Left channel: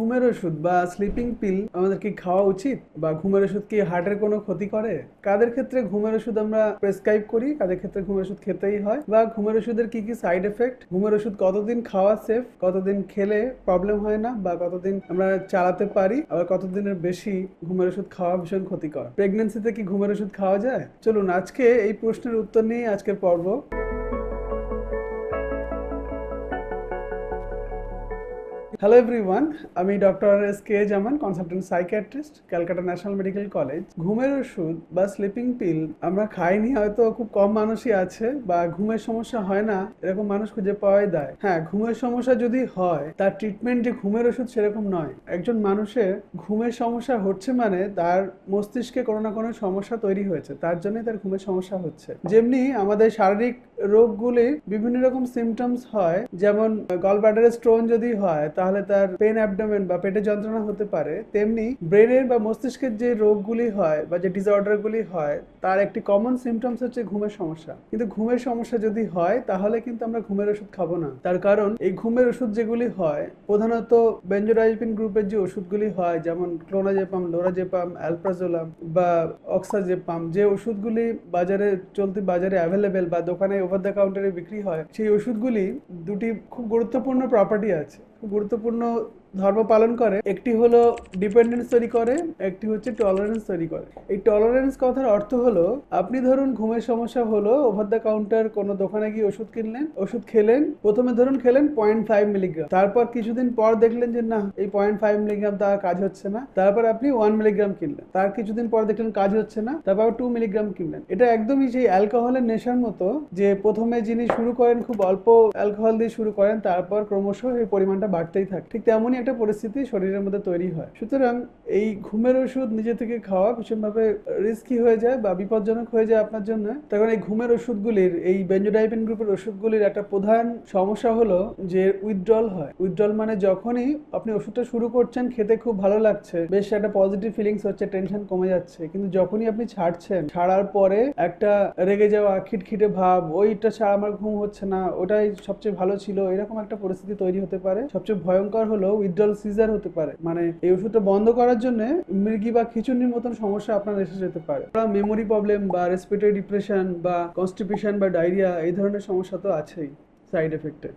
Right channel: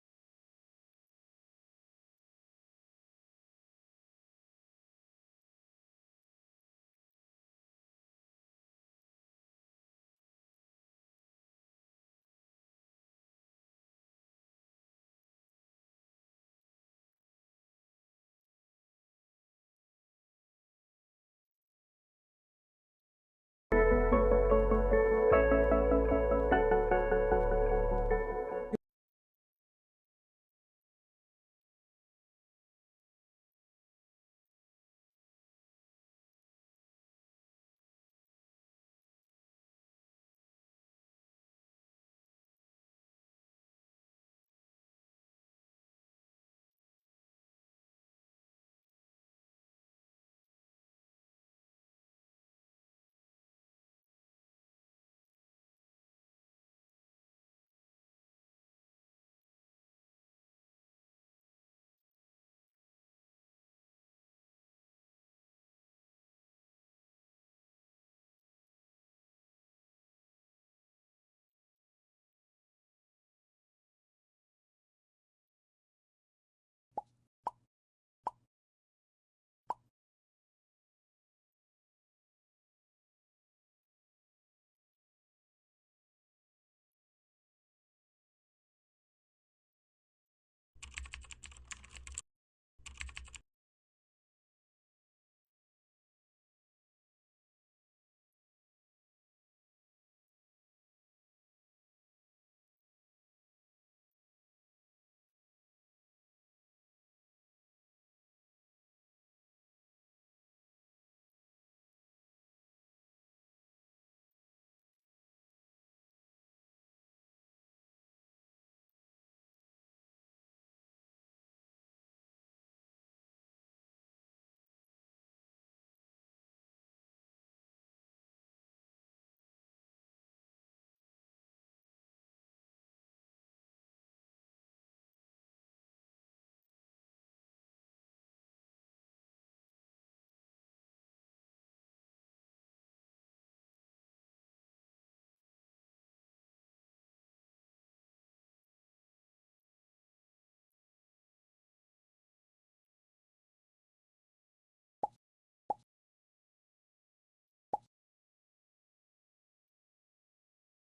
ঘুমের ওষুধ বা স্লিপিং পিল আমাদের কি খাওয়া উচিত বা ঘুমের ওষুধ কি হার্টের কোনো ক্ষতি করে? কাদের ক্ষেত্রে ঘুমের ওষুধ আমরা প্রেসক্রাইব করি? কাদের ক্ষেত্রে ঘুমের ওষুধ খেতেই হয়? বা ঘুমের ওষুধের কি কি সাইড এফেক্ট ঘুমের ওষুধ কতদিন খাওয়া সেফ কতদিন খেলে প্রবলেম হয় না? বা কতদিন আমরা চালাতে পারি? আবার কতদিনের বেশি ঘুমের ওষুধ খাওয়া ভীষণ ক্ষতিকর? প্রেগনেন্সিতে কি ঘুমের ওষুধ খাওয়া যায়? চলুন আজকে এই প্রশ্নের উত্তর নিয়ে আজকের পর্ব। হ্যালো এভরিওয়ান আমি doctor S K Zaman consultant psychiatrist Calcutta National Medical College ঘুমের ওষুধ বা স্লিপিং পিল আমরা খাইনি, হয়তো খুব কম মানুষই আছে বা ঘুমের সমস্যা হয় না, এরকম মানুষ খুঁজে পাওয়াই দেয়। হ্যাঁ ঘুমের সমস্যা যদি হয়, তার ট্রিটমেন্ট যে ঘুমের ওষুধ সেরকম নয়। একজন মানুষের ঘুমের সমস্যা হচ্ছে মানে তার মস্তিষ্কে কোনো না কোনো সমস্যা তৈরি হয়েছে, তার জন্যই তার ঘুমের সমস্যা হচ্ছে। যেমনি আমাদের শারীরিক রোগগুলির বিভিন্ন রকম সিমটমস হয়, যেমন গলব্লাডারের স্টোন যদি হয়, তাহলে তার পেন অ্যাবডোমেন বা পেটে যন্ত্রণা হতে পারে, তেমনি ব্রেনের বা মস্তিষ্কের যে রোগগুলি হয় বা যে ডিসঅর্ডারগুলি হয়, তার একটি কমন সিমটমস হচ্ছে ঘুমের সমস্যা। কিন্তু ঘুমের সমস্যা যদি হয়, তাহলে কিন্তু আমরা ঘুমের ওষুধ খাব না। তার কারণ, এই ঘুমের ওষুধ যেগুলি হয়, প্রধানত বেঞ্জোডাইজিপিন গ্রুপের যে ওষুধগুলি হয়, যেমন ক্লোনাজেপাম লোরাজেপাম অ্যালপ্রাজোলাম বা অক্সাজেপাম যে ওষুধগুলি বাজারে, চলতি বাজারে অ্যাভেলেবেল বা দোকানে ওভার দ্য কাউন্টারে বিক্রি হয়, সেই ওষুধগুলি দুটি খুব গুরুত্বপূর্ণ প্রপার্টি আছে। গুরুত্বপূর্ণ ধর্ম পালন করে, একটি হলো ডিপেন্ডেন্স তৈরি করে, একটি হচ্ছে টলারেন্স তৈরি করে। এই টলারেন্স কথার অর্থ হলো, আপনি ধরুন ঘুমের সমস্যা হলো ওভার দ্য কাউন্টার কোনো দোকানে গিয়ে ওষুধ কিনলেন, ওষুধ খেলেন, প্রথমে ধরুন খেলেন পয়েন্ট ফাইভ মিলিগ্রাম তারপর কিছুদিন পর দেখলেন যে না, এই পয়েন্ট ফাইভ মিলিগ্রাম তার কাজ হচ্ছে না, তারপর আপনি ওয়ান মিলিগ্রাম কিনলেন, তার কিছুদিন পর দেখলেন কাজ হচ্ছে না, তারপর টু মিলিগ্রাম কিনলেন। এটা একদমই সেই অ্যালকোহলের নেশার মতো, যে প্রথমে যিনি শুরু করেন খুব অল্প অ্যালকোহল দিয়ে শুরু করেন, তারপর ক্রমশ এই পরিমাণটা বাড়তেই থাকে। ঠিক তেমনই একটা পরিস্থিতি শরীরের মধ্যে তৈরি হয়। সুতরাং এই ঘুমের ওষুধ নিজে থেকে খাওয়া ভীষণভাবে রিস্কি হয়ে যায় বা বিপজ্জনক হয়ে যায় আপনার জন্য। তখন এই ঘুমের ওষুধগুলির, এই বেঞ্জোডাইপিন গ্রুপের ওষুধগুলির একটা প্রধান সমস্যা হলো যে উইথড্রল হয়। উইথড্রল মানে যখনই আপনি ওষুধটা শুরু করছেন, খেতে খুব ভালো লাগছে, বেশ একটা পজিটিভ ফিলিংস হচ্ছে টেনশন কমে যাচ্ছে। কিন্তু যখনই আপনি ছাড়ছেন, ছাড়ার পরে একটা রেগে যাওয়া, খিটখিটে ভাব, ওইটা ছাড়া আমার ঘুম হচ্ছে না, ওটাই সবচেয়ে ভালো ছিল, এরকম একটা পরিস্থিতি তৈরি হতে পারে। সবচেয়ে ভয়ঙ্কর হলো উইথড্রল সিজার হতে পারে। মানে এই ওষুধটা বন্ধ করার জন্য মৃগি বা খিচুনির মতন সমস্যা আপনার এসে যেতে পারে। মেমোরি প্রবলেম বা রেসপিরেটরি ডিপ্রেশন বা কনস্টিপেশন বা ডায়রিয়া এই ধরনের সমস্যা তো আছেই সাইড এফেক্টে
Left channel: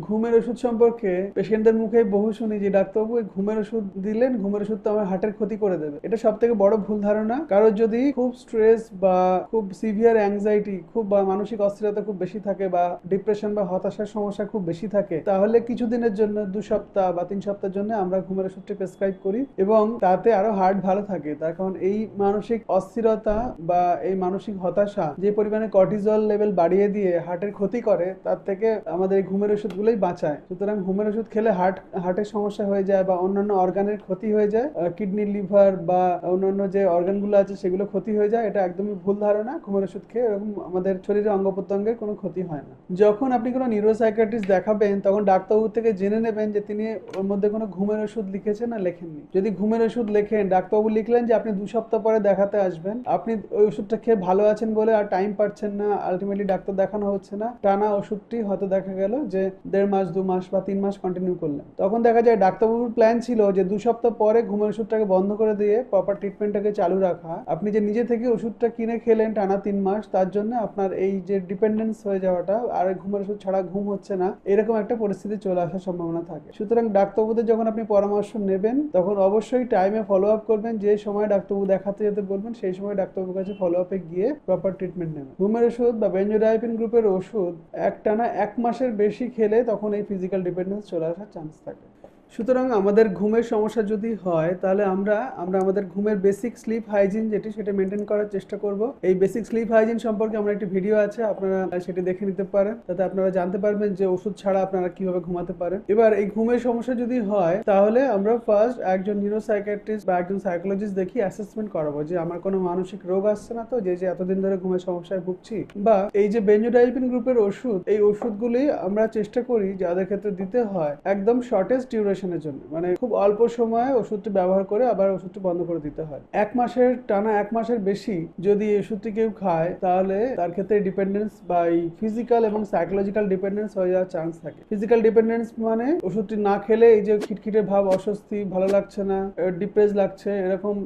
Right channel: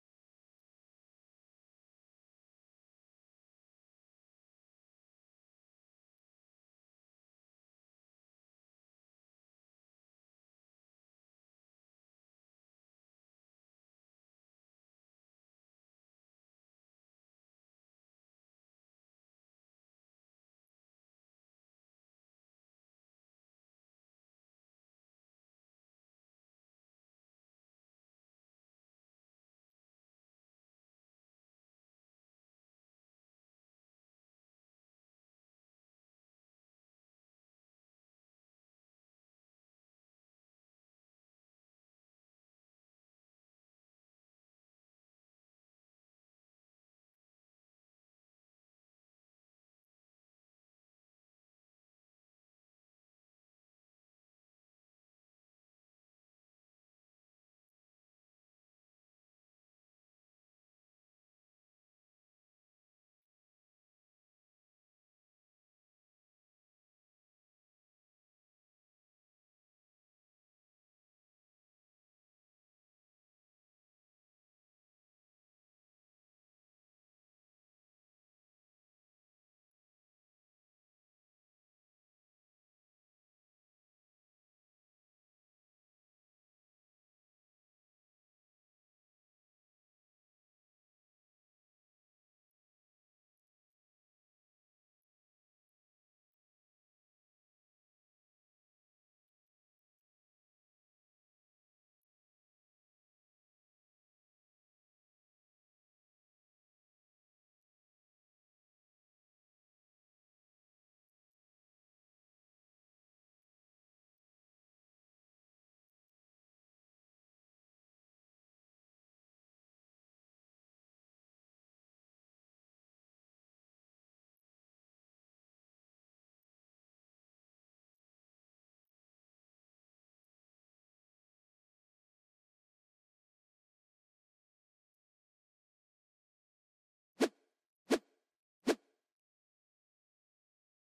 ঘুমের ওষুধ সম্পর্কে পেশেন্টদের মুখে বহু শুনি যে, ডাক্তারবাবু, এই ঘুমের ওষুধ দিলেন, ঘুমের ওষুধ তো আমার হার্টের ক্ষতি করে দেবে। এটা সব থেকে বড় ভুল ধারণা। কারোর যদি খুব স্ট্রেস বা খুব সিভিয়ার অ্যাংজাইটি, খুব বা মানসিক অস্থিরতা খুব বেশি থাকে বা ডিপ্রেশন বা হতাশার সমস্যা খুব বেশি থাকে, তাহলে কিছুদিনের জন্য, দু সপ্তাহ বা তিন সপ্তাহের জন্য আমরা ঘুমের ওষুধটি প্রেসক্রাইব করি এবং তাতে আরও হার্ট ভালো থাকে। তার কারণ এই মানসিক অস্থিরতা বা এই মানসিক হতাশা যে পরিমাণে কর্টিজল লেভেল বাড়িয়ে দিয়ে হার্টের ক্ষতি করে, তার থেকে আমাদের ঘুমের ওষুধগুলোই বাঁচায়। সুতরাং ঘুমের ওষুধ খেলে হার্ট হার্টের সমস্যা হয়ে যায় বা অন্যান্য অর্গানের ক্ষতি হয়ে যায় কিডনি লিভার বা অন্যান্য যে অর্গানগুলো আছে সেগুলো ক্ষতি হয়ে যায়, এটা একদমই ভুল ধারণা। ঘুমের ওষুধ খেয়ে এরকম আমাদের শরীরে অঙ্গ প্রত্যঙ্গের কোনো ক্ষতি হয় না। যখন আপনি কোনো নিউরোসাইকিয়াট্রিস্ট দেখাবেন, তখন ডাক্তারবাবু থেকে জেনে নেবেন যে তিনি ওর মধ্যে কোনো ঘুমের ওষুধ লিখেছেন না লেখেননি। যদি ঘুমের ওষুধ লেখেন, ডাক্তারবাবু লিখলেন যে আপনি দু সপ্তাহ পরে দেখাতে আসবেন। আপনি ওই ওষুধটা খেয়ে ভালো আছেন বলে আর টাইম পাচ্ছেন না। আলটিমেটলি ডাক্তার দেখানো হচ্ছে না। টানা ওষুধটি হয়তো দেখা গেল যে দেড় মাস, দু মাস বা তিন মাস কন্টিনিউ করলেন। তখন দেখা যায় ডাক্তারবাবুর প্ল্যান ছিল যে দু সপ্তাহ পরে ঘুমের ওষুধটাকে বন্ধ করে দিয়ে প্রপার ট্রিটমেন্টটাকে চালু রাখা। আপনি যে নিজে থেকে ওষুধটা কিনে খেলেন টানা তিন মাস, তার জন্য আপনার এই যে ডিপেন্ডেন্স হয়ে যাওয়াটা আর ঘুমের ওষুধ ছাড়া ঘুম হচ্ছে না, এরকম একটা পরিস্থিতি চলে আসার সম্ভাবনা থাকে। সুতরাং ডাক্তারবাবুদের যখন আপনি পরামর্শ নেবেন, তখন অবশ্যই টাইমে ফলো আপ করবেন, যে সময় ডাক্তারবাবু দেখাতে যেতে বলবেন, সেই সময় ডাক্তারবাবুর কাছে ফলো আপে গিয়ে প্রপার ট্রিটমেন্ট নেবেন। ঘুমের ওষুধ বা বেঞ্জোডাইপিন গ্রুপের ওষুধ এক টানা এক মাসের বেশি খেলে তখন এই ফিজিক্যাল ডিপেন্ডেন্স চলে আসার চান্স থাকে। সুতরাং আমাদের ঘুমের সমস্যা যদি হয়, তাহলে আমরা আমরা আমাদের ঘুমের বেসিক স্লিপ হাইজিন যেটি সেটা মেনটেন করার চেষ্টা করব। এই বেসিক স্লিপ হাইজিন সম্পর্কে আমরা একটি ভিডিও আছে, আপনারা সেটি দেখে নিতে পারেন। তাতে আপনারা জানতে পারবেন যে ওষুধ ছাড়া আপনারা কীভাবে ঘুমাতে পারেন। এবার এই ঘুমের সমস্যা যদি হয়, তাহলে আমরা ফার্স্ট একজন নিউরোসাইকিয়াট্রিস্ট বা একজন সাইকোলজিস্ট দেখি অ্যাসেসমেন্ট করাবো যে আমার কোনো মানসিক রোগ আসছে না তো, যে যে এতদিন ধরে ঘুমের সমস্যায় ভুগছি। বা এই যে বেঞ্জোডাইপিন গ্রুপের ওষুধ, এই ওষুধগুলি আমরা চেষ্টা করি যাদের ক্ষেত্রে দিতে হয় একদম শর্টেস্ট ডিউরেশন ডিউরেশনের জন্য। মানে খুব অল্প সময়ে ওষুধটি ব্যবহার করে আবার ওষুধটি বন্ধ করে দিতে হয়। এক মাসের টানা এক মাসের বেশি যদি ওষুধটি কেউ খায়, তাহলে তার ক্ষেত্রে ডিপেন্ডেন্স বা এই ফিজিক্যাল এবং সাইকোলজিক্যাল ডিপেন্ডেন্স হয়ে যাওয়ার চান্স থাকে। ফিজিক্যাল ডিপেন্ডেন্স মানে ওষুধটি না খেলে এই যে খিটখিটে ভাব, অস্বস্তি, ভালো লাগছে না ডিপ্রেস লাগছে, এরকম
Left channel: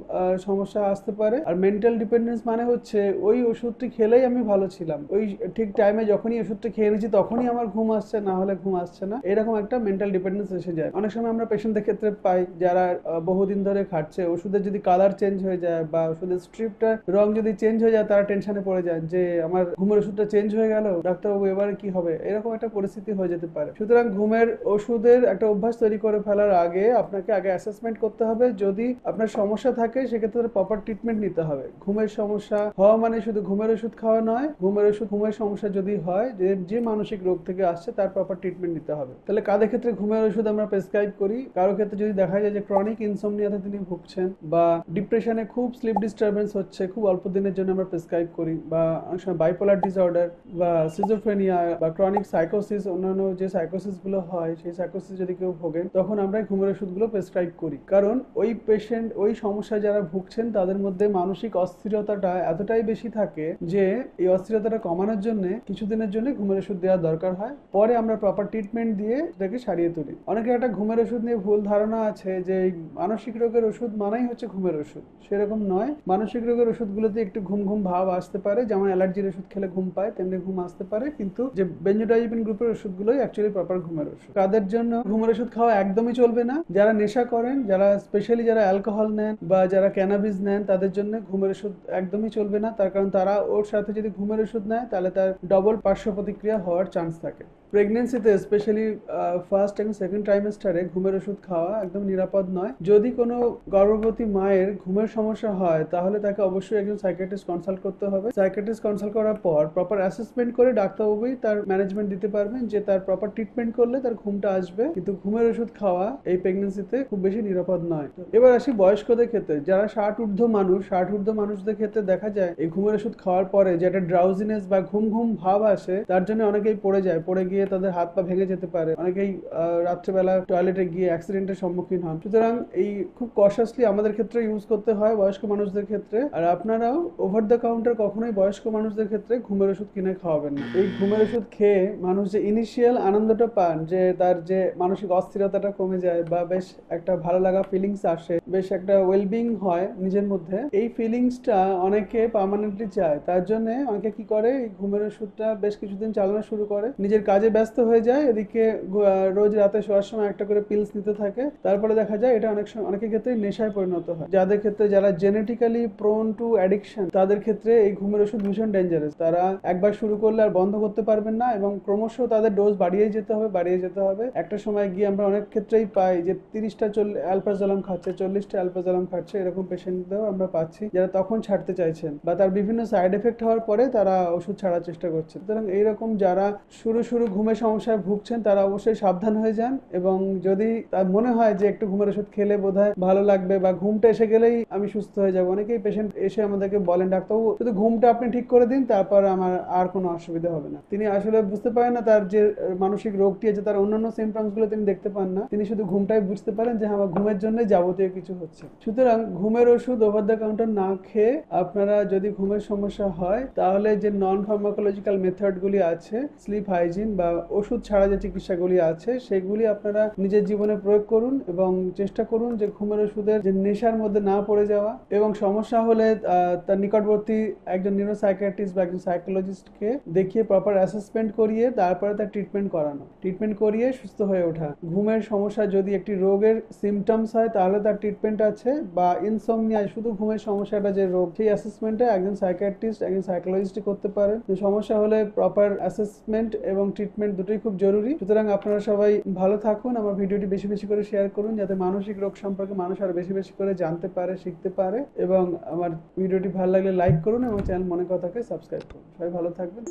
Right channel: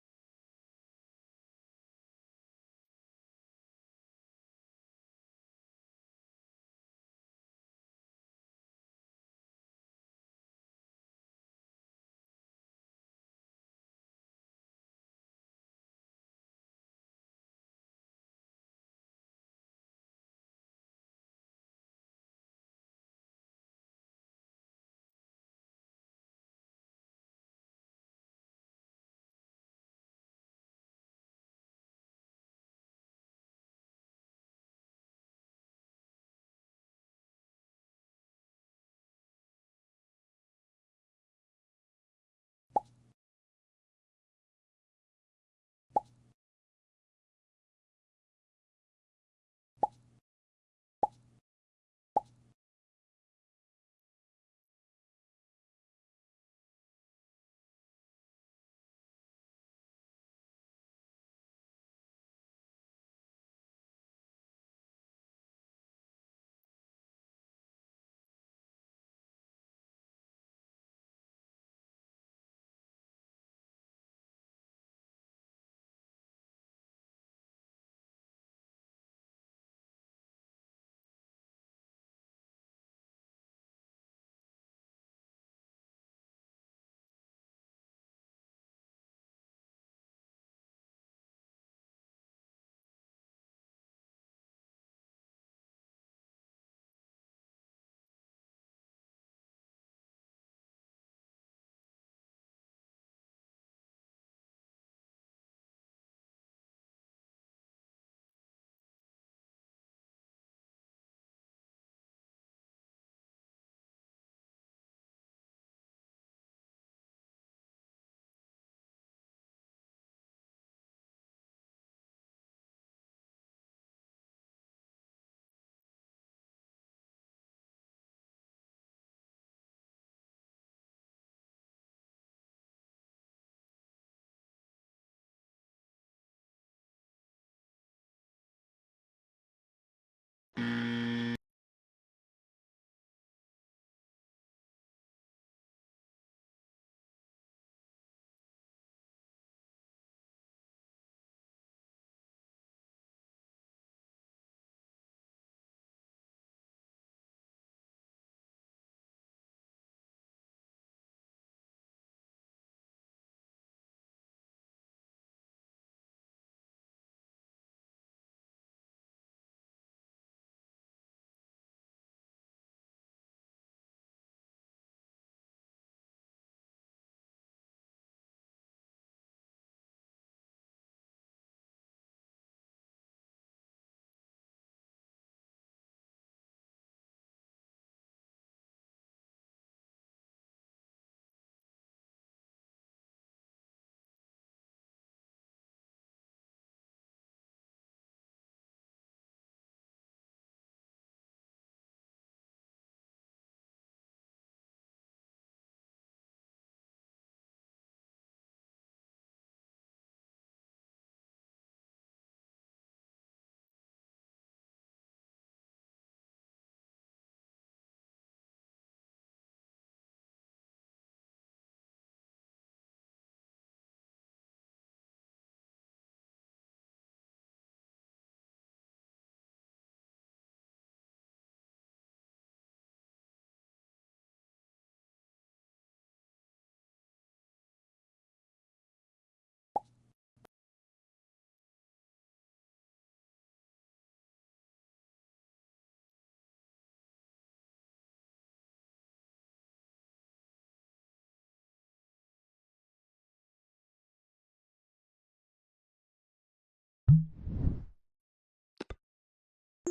সমস্যা আসতে পারে। আর মেন্টাল ডিপেন্ডেন্স মানে হচ্ছে ওই ওষুধটি খেলেই আমি ভালো ছিলাম। ওই ঠিক টাইমে যখনই ওষুধটি খেয়ে নিয়েছি, তখনই আমার ঘুম আসছে, না হলে ঘুম আসছে না। এরকম একটা মেন্টাল ডিপেন্ডেন্স এসে যায়। অনেক সময় আমরা পেশেন্টদের ক্ষেত্রে পাই যারা বহুদিন ধরে খাচ্ছে ওষুধের যদি কালার চেঞ্জ হয়ে যায় বা ওষুধের স্ট্রিপটা রং যদি চেঞ্জ হয়ে যায়, তারা টেনশনে পড়ে যায় যে, আমার ঘুমের ওষুধটা চেঞ্জ হয়ে গেল? ডাক্তারবাবু, এবারে কি হবে? এরকম একটা পরিস্থিতি হয়ে যেতে পারে। সুতরাং ঘুমের ওষুধের একটা অভ্যাস তৈরি করে ফেলার আগে আপনাকে আগে অ্যাসেসমেন্ট করতে হবে। যদি আপনার সমস্যা থাকে, সেক্ষেত্রে প্রপার ট্রিটমেন্ট নিতে হবে। ঘুমের সমস্যা হওয়া মানে শুধু ঘুমের ওষুধ খাওয়া নয়, ঘুমের ওষুধ, ঘুমের সমস্যা যদি হয়, যে যে মানসিক রোগ থেকে আসছে, তার প্রপার ট্রিটমেন্ট নিতে হবে। তাহলে কাদের ক্ষেত্রে ঘুমের ওষুধ আমরা প্রেসক্রাইব করি। কারও ক্ষেত্রে যদি দেখা যায় যে ক্রনিক ইনসোমনিয়াতে তিনি ভুগছেন বা ডিপ্রেশনে খুব স্লিপ ডিস্টারবেন্স হচ্ছে, খুব অল্প দিনের জন্য আমরা প্রেসক্রাইব করি বা অনেক সময় বাইপোলার ডিসঅর্ডার বা সিজোফ্রেনিয়া বা ক্রনিক সাইকোসিস অন্যান্য যে সাইকোসিসগুলো হয়, সেই সাইকোসিস যদি কেউ ভোগেন তখন আমরা ঘুমের ওষুধগুলো প্রেসক্রাইব করি। কারণ ওই পেশেন্ট ওই সমস্যায় যারা ভুগছেন, তাদের মধ্যে মানসিক অস্থিরতাটা এতটাই বেশি থাকে যে এই অস্থিরতাটা কমানোর জন্য কিছুদিনের জন্য ঘুমের ওষুধ দেওয়া দরকার হয়। পরে আমরা প্রপার ট্রিটমেন্ট দিয়ে এটাকে সারিয়ে তুলি। অনেকে একটা ঘুমের ওষুধ নিয়ে ভুল ধারণা আছে যে মানসিক রোগের ওষুধ মানেই হচ্ছে ঘুমের ওষুধ। সেরকম নয়। মানসিক রোগের ওষুধগুলোতে একটু ঘুম ঘুম ভাব আসতে পারে। যেমন অ্যালার্জির ওষুধ খেলে ঘুম পায়, তেমনি ঘুম আসতে পারে। কিন্তু যে বেঞ্জোডাইজিপিন গ্রুপের ওষুধগুলোই অ্যাকচুয়ালি প্রপার ঘুমের ওষুধ। তাদের জন্য ঘুমের ওষুধ খাওয়া একদমই চলবে না। যারা নেশা করেন, যারা স্পেশালি যারা অ্যালকোহল নেন বা যারা ক্যানাবিস নেন, তাদের জন্য ঘুমের ওষুধ একদমই চলবে না। তার কারণ তারা ওর সাথে যদি ঘুমের ওষুধ নেয়, তাহলে তার ডবল পার্শ্ব প্রতিক্রিয়া হওয়ার চান্স থাকে। প্রেগনেন্সিতে স্পেশালি ফার্স্ট এবং সেকেন্ড ট্রাইমেস্টারে ঘুমের ওষুধ খাওয়া একদম নিরাপদ নয়। যদি কোনো গর্ভবতী মায়ের ঘুমের সমস্যা হয়, তাহলে তাকে অবশ্যই একজন সাইকিয়াট্রিস্ট কনসাল্ট করতে হবে। সাইকিয়াট্রিস্ট কনসাল্ট করার পর প্রপার অ্যাসেসমেন্ট করে ডাক্তারবাবুই তার ম্যানেজমেন্ট দিতে পারবেন যে তার প্রপার ট্রিটমেন্ট করলে তার ঘুমটা আসবে। কিন্তু ঘুমের ওষুধ খাওয়া এই প্রেগনেন্সিতে খুব বেশি নিরাপদ নয়। এবার আসি বয়স্কদের ক্ষেত্রে। যারা ষাট ঊর্ধ্ব মানুষ ষাট ঊর্ধ্ব মানুষদের ক্ষেত্রে দেখা যায়, এই ঘুমের ওষুধ খাওয়ার পরে যে একটা ড্রাউজিনেস বা ঘুম ঘুম ভাব আসে, তার জন্য অনেকেই পড়ে যায়। পড়ে গিয়ে তাদের হাত পা ভেঙে যেতে পারে। অনেকেই রাত্রেবেলা টয়লেটে গিয়ে অ্যাক্সিডেন্টের সম্মুখীন হন। সুতরাং এই খুব কশাসলি আমাদের ক্ষেত্রে ইউজ করতে হয় বয়স্ক মানুষদের ক্ষেত্রে। আর আপনারাও ওভার দ্য কাউন্টার কখনোই বয়স্ক মানুষদের ক্ষেত্রে ঘুমের ওষুধ কিনে খাওয়াবেন। এই ঘুমের ওষুধ খেয়ে মানুষ যে ইনিশিয়াল আনন্দটা পান, যে তার যে মানসিক অস্থিরতাটা কমে যায় বা বেশ একটা ভালো লাগা ফিলিংস আসে, বেশ একটা ওয়েলবিং হয় নিজের মধ্যে, এই ফিলিংসটা অনেকে পার্মানেন্টলি চায়। তার জন্য অনেকে কি করে ঘুমের ওষুধটা বেশ কিছুদিন চালানো শুরু করে, নিজের কাজে ব্যস্ত হয়ে যায়, এদিকে রোজ রাতে শোয়ার সময় একটা করে পিলস নিতে থাকে। তারপরে দেখা যায় এটা অনেক সময়, অনেকের ক্ষেত্রে নেশায় পরিণত হয়। যাদের ক্ষেত্রে যারা জেনেটিক্যালি প্রোন টু অ্যাডিকশন তাদের ক্ষেত্রে এই ঘুমের ওষুধ ভীষণ ডেঞ্জারাস তারা একবার শুরু করলে আর বন্ধ করতে পারবেন না এবং ক্রমশ তাদের ডোজ বাড়িয়ে যেতে হবে, বাড়িয়ে যেতে হবে। একটা সময় গিয়ে আমরা অনেক ক্ষেত্রেই পাই যে তিরিশটা চল্লিশ অ্যালপাজালাম খাচ্ছে, চল্লিশটা অ্যালপাজালাম খাচ্ছে, এরকম পেশেন্টদেরও আমরা পাচ্ছি, যারা তখন ছাড়তে চাইছেন বা তার বিভিন্ন সাইড এফেক্ট হওয়ার পরে তারা ওষুধ ছাড়ার চেষ্টা করছে সুতরাং এইরকম যারা শুরু শুরু ঘুমের সমস্যায় ভুগছেন তারা অবশ্যই সাবধান হয়ে যান এবং যদি তার মনে হয় যে একটু ঘুমের ওষুধ খেলে বোধহয় ভালো লাগবে বা ঘুমটা এসে গেলেই আমি সুস্থ হয়ে যাব। অনেকেই পেশেন্ট এসে আমাদেরকে বলেন ডাক্তারবাবু শুধু ঘুমটা আপনি ঠিক করে দিন তারপর আমার আর কোনো অসুবিধা হবে না। তিনি আসলে বুঝতে পারেন না তার যে মানসিক রোগটি আছে তার অন্যান্য সিমটমসগুলো তিনি দেখতে পান না। তিনি শুধু ঘুমটাই বুঝতে পারেন যে হ্যাঁ, আমার ঘুমের জন্য যাবতীয় কিছু হচ্ছে। সুতরাং ঘুমের ওষুধ ওভার দ্য কাউন্টার না খেয়ে আপনারা যদি ঘুমের সমস্যা হয় তাহলে যে নন ফার্মাকোলজিক্যাল মেথডগুলি আছে স্লিপ হাইজিন বা ওষুধ ছাড়া যে চিকিৎসাগুলি আছে, সেগুলি আপনারা নিজের জীবনে প্রয়োগ করুন এবং চেষ্টা করুন যে ঘুমের ওষুধের যে নেশার মধ্যে না পড়ে যাওয়া এবং সমস্যা হলে তার নিকটবর্তী একজন নিউরোসাইকিয়াট্রিস্ট বা একজন সাইকোলজিস্টকে দেখিয়ে প্রপার অ্যাসেসমেন্ট করিয়ে তারপরে তার ট্রিটমেন্ট করানো। ট্রিটমেন্ট করিয়ে সুস্থ হয়ে ওঠা। ঘুমের সমস্যা যদি একটি রোগের সিমটমস হয়, তাহলে তার ট্রিটমেন্ট আছে বা ইনসোমনিয়া শুধু ঘুমের সমস্যাটা যে রোগ, সেই অ্যাসেসমেন্টে একজন সাইকিয়াট্রিস্ট একজন সাইকোলজিস্ট করতে পারেন। সমস্যা হলে প্রপার অ্যাসেসমেন্ট এবং ট্রিটমেন্ট দুটোই খুব জরুরি। সুতরাং আপনারা সবাই ভালো থাকুন, আমার ভিডিওটি বেশি বেশি করে শেয়ার করুন, যাতে মানসিক রোগ সম্পর্কে মানুষ আরও বেশি বেশি করে জানতে পারে, শিখতে পারে। এবং আমার ভিডিওটি ভালো লাগলে লাইক করুন এবং চ্যানেল মনে কথাকে সাবস্ক্রাইব করুন। সবাই ভালো থাকবেন।